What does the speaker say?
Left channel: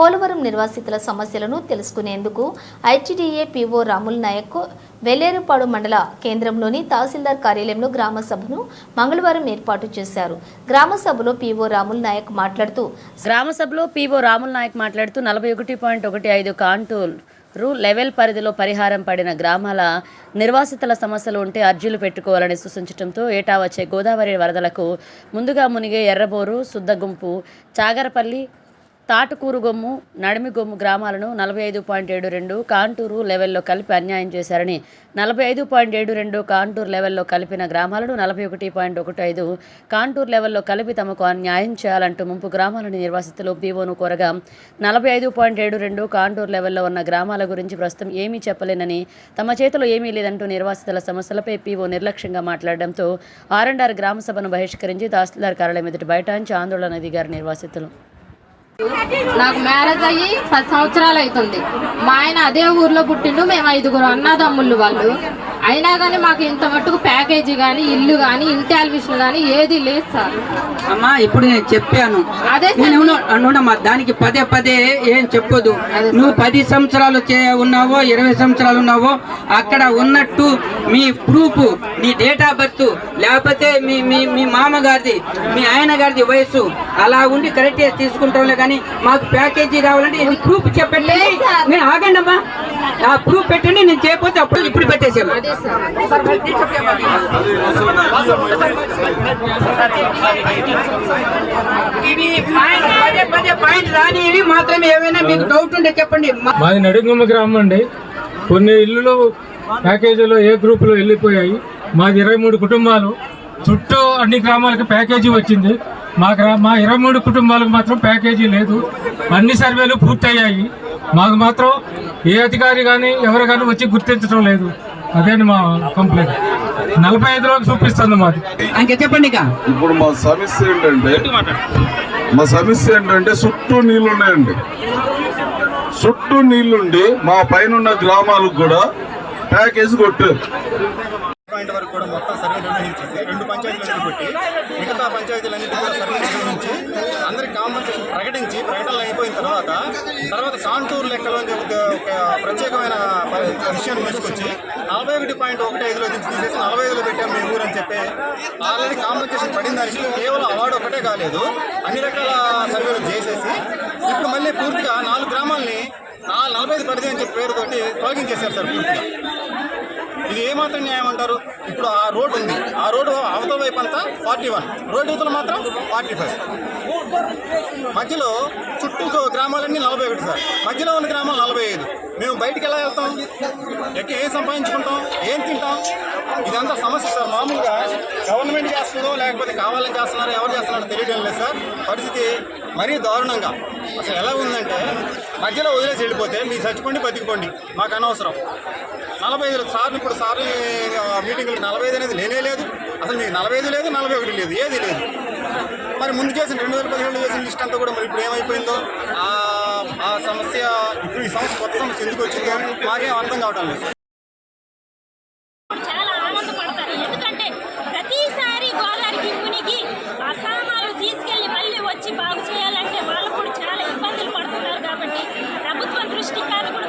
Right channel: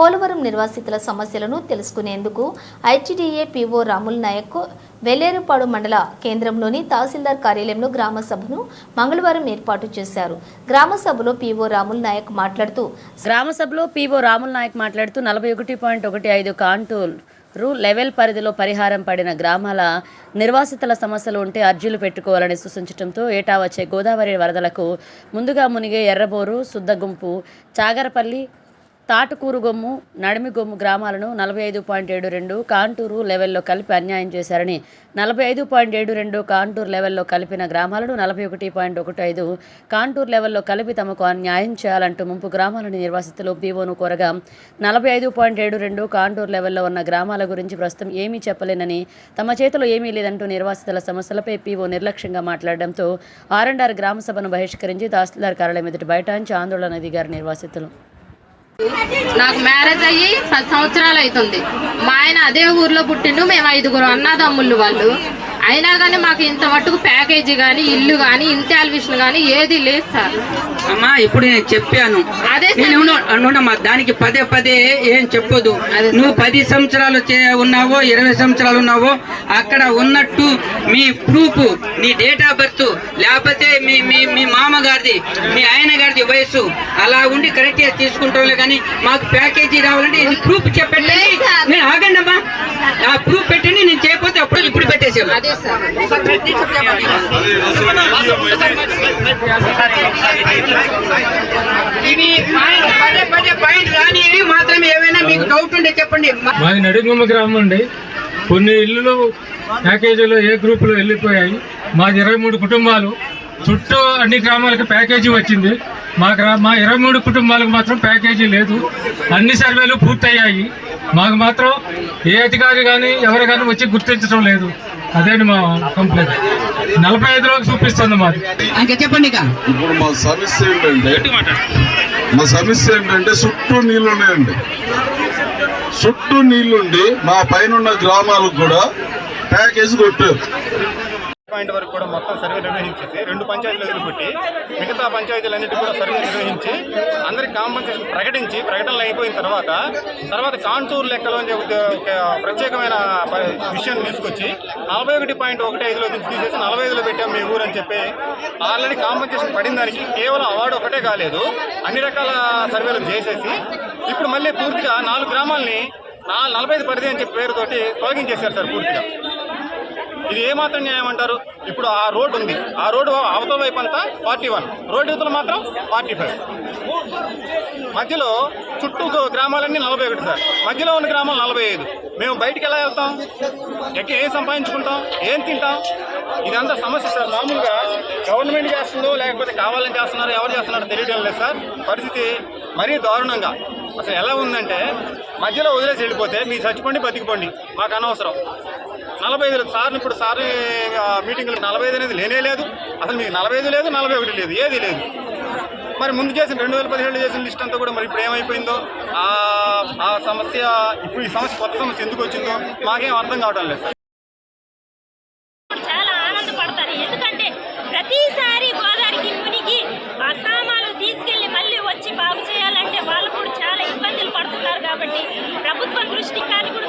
పోలవరం నిర్వాసితుల సమస్యలను తెలుసుకునేందుకు ఐటీడీఏ పీఓ రాముల్ నాయక్ వెల్లేరుపాడు మండల కేంద్రంలోని తహసీల్దార్ కార్యాలయంలో గ్రామ సభను మంగళవారం ఏర్పాటు చేశారు. గ్రామ సభలో పీఓ రాముల్ నాయక్ మాట్లాడుతూ గ్రామ సభలో పీఓ రాముల్ నాయక్ మాట్లాడుతూ నలభై ఒకటి పాయింట్ ఒకటి ఐదు కాంటూరు లెవెల్ పరిధిలో పరిహారం పడిన గ్రామాల నిర్వాసితుల సమస్యలు ఉంటే అర్జీలు పెట్టుకోవాలని సూచించడంతో ఏటా వచ్చే గోదావరి వరదలకు ముందుగా మునిగే ఎర్రబోరు సుద్దగుంపు చాగరపల్లి తాటుకూరుగొమ్ము నడిమిగొమ్ము గ్రామాలను నలభై ఐదు పాయింట్ ఏడు రెండు కాంటూరు లెవెల్లో కలిపి అన్యాయం చేశారని నలభై ఐదు పాయింట్ ఏడు రెండు కాంటూరు లెవెల్లో కలిపిన గ్రామాలను నలభై ఒకటి పాయింట్ ఒకటి ఐదు కాంటూరు లెవెల్లో కలిపి తమకు అన్యాయం చేయాలంటూ ముంపు గ్రామాలని నిర్వాసితులు పీఓను కోరగా నలభై ఐదు పాయింట్ ఏడు రెండు కాంటూరు లెవెల్లో ఉన్న గ్రామాల గురించి ప్రస్తుతం ఏమీ చెప్పలేనని తమ చేతిలో ఏమీ లేదంటూ నిర్వాసితుల సమస్యలపై పీఓ నిర్లక్ష్యంగా మాట్లాడడంతో ఆర్ అండ్ ఆర్ గ్రామ సభను బహిష్కరించి తహసీల్దార్ కార్యాలయం ఎదుటి బైఠాయించి ఆందోళన దిగారు నిర్వాసితులు. నాకు మ్యారేజ్ అయ్యి పది సంవత్సరాలు అవుతుంది. మా ఆయన అదే ఊర్లో పుట్టిండు మేము ఐదుగురు అన్నదమ్ముళ్ళు వాళ్ళు. అయినా కానీ మాకు ఇంత మట్టుకు ప్యాకేజీ కానీ ఇల్లు కానీ ఇంటాల్విషన్ కానీ ఏది లేదు సార్. అమ్మా ఇప్పుడు నేను చెప్పాను. అదే దానికి పదే పదే ఏం సార్. నువ్వు పది సంవత్సరాలు ఉన్నావో ఇరవై సంవత్సరాలు ఉన్నావో అక్కడ ఉన్నట్టు మీ ప్రూఫ్ నీ డేట్ ఆఫ్ బర్త్ లేకపోతే మీ మీ మీ మామగారిది మీ ఆయన గారిది వయసు అలా ఉండి కరెక్ట్గా తీసుకుంటాంలే కానీ మాకు ప్యాకేజీ రావాలంటే ఇది ప్రూఫ్ చెప్పండి. ఆగండి అమ్మా ఆ ప్రూఫ్ పెట్టండి నేను చేయకపోతే అప్పుడు ఇప్పుడు పెట్టేసాము అదే సార్. ఇవి పాయింట్ రానివి మాత్రమే. ఏమైనా మీకు డౌట్ ఉంటే చెప్పండి. మాది నడిగుమ్మ గ్రామం అండి. కొన్ని ఇల్లులు ప్యాకేజీలో ఏ గ్రూపులో వెళ్ళిపోయాయి. మాది ఇరవై మూడు కుటుంబాలు. చుట్టూ అన్ని గ్రామాలకు ప్యాకేజీ వచ్చింది. మా గ్రా మా ఇరవై మూడు కుటుంబాలకు మాత్రం ప్యాకేజీ లేదు. అన్ని సర్వేలు పూర్తయ్యాయి. మాకు మాత్రం ఏ అధికారి కానీ ఎవరు కానీ వచ్చి గుర్తించడం లేదు. అదేంటి మా కంప్లైంట్ నలభై ఐదులోకి చూపిస్తుంది మాది. ఇంకా చెప్పండి ఇప్పుడు మా సమస్య ఏంటంటే మా సమస్య ఏంటంటే చుట్టూ నీళ్ళు ఉన్నాయండి చుట్టూ నీళ్ళుండి మా పైన ఉన్న గ్రామాలకు కూడా ప్యాకేజ్ కొట్టారు. పాయింట్ వరకు కూడా మొత్తం సర్వే నిర్వహించేసి రెండు పంచాయతీలు వదిలిపెట్టి మిగతా పంచాయతీలన్నిటి కూడా సర్వే నిర్వహించి అందరికి కాంపెన్సేషన్ ప్రకటించి ప్రకటనలు అయిపోయిన తర్వాత తర్వాత కాంటూర్ లెక్కలో ఒక ప్రత్యేకమైన విషయాన్ని తీసుకొచ్చి నలభై ఒకటి పాయింట్ ఒకటి ఐదులో నుంచి తీసేసి నలభై ఐదులో పెట్టాం మీ ఊరు అని చెప్పి ఆల్రెడీ కాంపెన్సేషన్ పడిన దానికి కేవలం అవార్డు ఒకటే కాలేదు అన్ని రకాల సర్వేలు చేసేసి ఇప్పుడు మళ్ళీ పూర్తిగా నాలుగు గ్రామాలని నలభై ఐదు పరిధి అని చెప్పి పేరుతోటి తొలగించేశారు సార్ పూర్తిగా. ఇది ఏమాత్రం న్యాయం అంటారు? ఇప్పుడు ఆ రోడ్ ఉంది. ఆ రోడ్డు అవతల వైపు అంతా ఫార్టీ వన్. రోడ్డు యువతలు మాత్రం ఫార్టీ ఫైవ్. మధ్యలో చుట్టూ గ్రామాలన్నీ నలభై ఒకటి సార్. మధ్యలో ఉన్న గ్రామాలు నలభై ఐదు. మేము బయటికి ఎలా వెళ్తాం? ఎక్కడ ఏం సంపాదించుకుంటాం? ఏం తింటాం? ఇదంతా సమస్య సార్. మామూలుగా గవర్నమెంట్ చేస్తుందో లేకపోతే కావాలని చేస్తున్నారో ఎవరు చేస్తున్నారో తెలియడం లేదు సార్. పరిస్థితి మరీ దారుణంగా. అసలు ఎలా ఉందంటే మధ్యలో వదిలేసి వెళ్ళిపోతే మీరు చచ్చిపోండి బతికిపోండి. మాకు అనవసరం. నలభై ఐదు సార్ని ఇప్పుడు సార్ మీటింగ్లు నలభై ఐదు అనేది లేనే లేదు. అసలు మీకు నలభై ఐదు లేదు నలభై ఒకటి లేదు ఏది లేదు. మరి ముందు చేసిన రెండు వేల పదిహేడు చేసిన లిస్ట్ అంతా కూడా మరి ఇప్పుడు ఏమైపోయిందో ఆ సమస్య ఇప్పుడు ఈ సమస్య కొత్త సమస్య ఎందుకు వచ్చిందో మాకేం అర్థం కావడం లేదు. సార్ చాలా ఆనందపడతారు. ఎందుకంటే ప్రతిసారి గోదావరికి మునిగి ఆ సామాన్లు తీసుకెళ్ళి మళ్ళీ వచ్చి బాగు చేయాలంటే వాళ్ళు కూడా చాలా ఇబ్బందులు పడుతున్నారు కాబట్టి ప్రభుత్వం దృష్టి కానీ కూడా